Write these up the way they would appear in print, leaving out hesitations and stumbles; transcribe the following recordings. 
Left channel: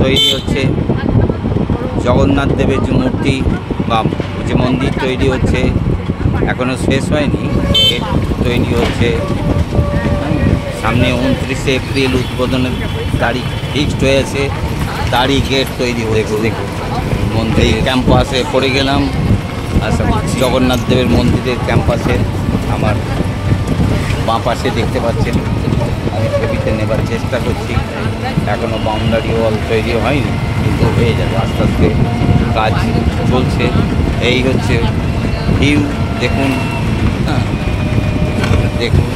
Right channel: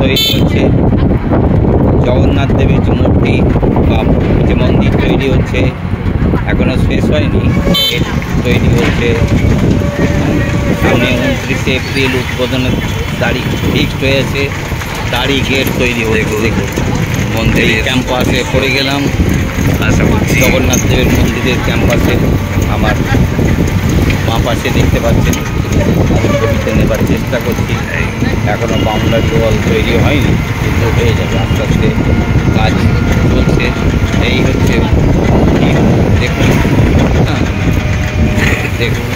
তৈরি হচ্ছে জগন্নাথ দেবের যে মূর্তি বা যে মন্দির তৈরি হচ্ছে, এখনও শেষ হয়নি, গেট তৈরি হচ্ছে। সামনে 29শে এপ্রিল উদ্বোধনের তারিখ ফিক্সড হয়েছে, তারই গেট তৈরি হচ্ছে। দেখুন এই ক্যাম্পাসে পড়ে গেলাম, আশা করছি জগন্নাথ দেবের মন্দিরের ক্যাম্পাসে। আমার বাঁ পাশে দেখতে পাচ্ছেন, আমি ছবিতে নেবার চেষ্টা করছি। এখনও বাউন্ডারি ওয়াল তৈরি হয়নি, কিন্তু হয়ে যাবে, আস্তে আস্তে কাজ চলছে। এই হচ্ছে ভিউ, দেখুন। হ্যাঁ, দেখুন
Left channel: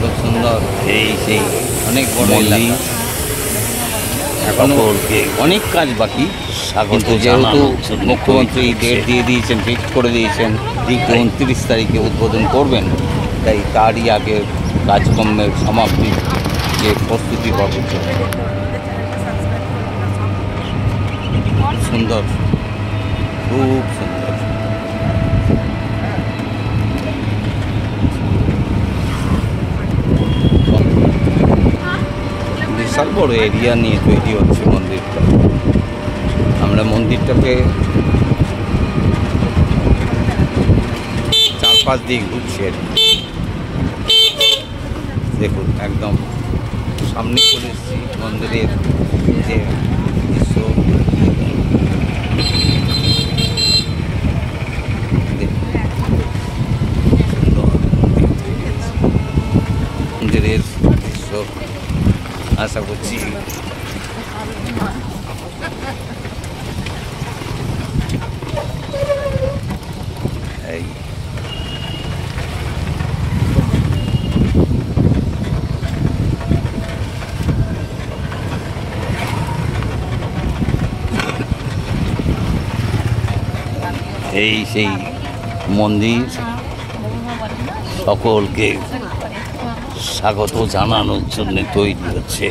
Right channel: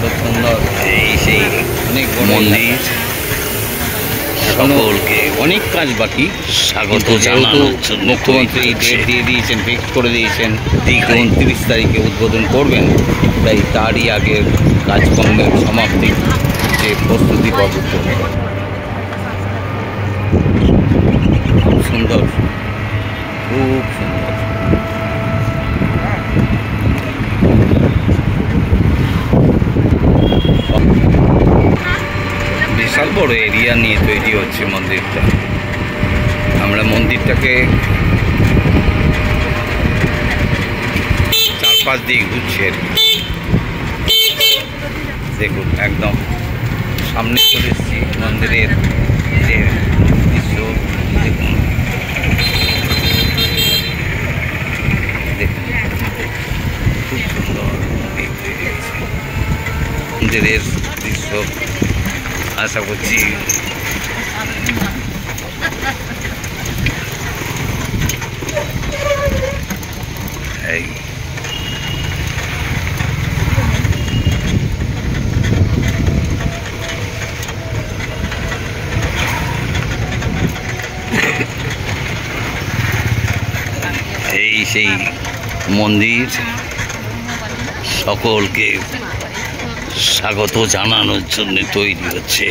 খুব সুন্দর। এই সেই অনেক বড় মন্দির, এখনো অনেক কাজ বাকি। স্বাগত যেহেতু মুখ্যমন্ত্রী ডেট দিয়ে দিয়েছেন, ফিক্স করে দিয়েছেন 29 তারিখে উদ্বোধন করবেন, তাই তারই আগের কাজকর্মের সমাপ্তির যে প্রস্তুতি পর্ব চলছে। খুব সুন্দর, খুব সুন্দর। বিশাল বড় এরিয়া নিয়ে তৈরি হচ্ছে মন্দিরটা। আমরা মন্দিরটাকে 4-5 দিক ঘুরছি আর কি। দেখুন একদম সামনে চলে এসেছি মন্দিরের যে দৃশ্য, দেখুন খুব সুন্দর মন্দিরের দৃশ্য। আশা করছি এই সেই মন্দির, সকলকে স্বাগত জানানোর জন্য তৈরি হচ্ছে।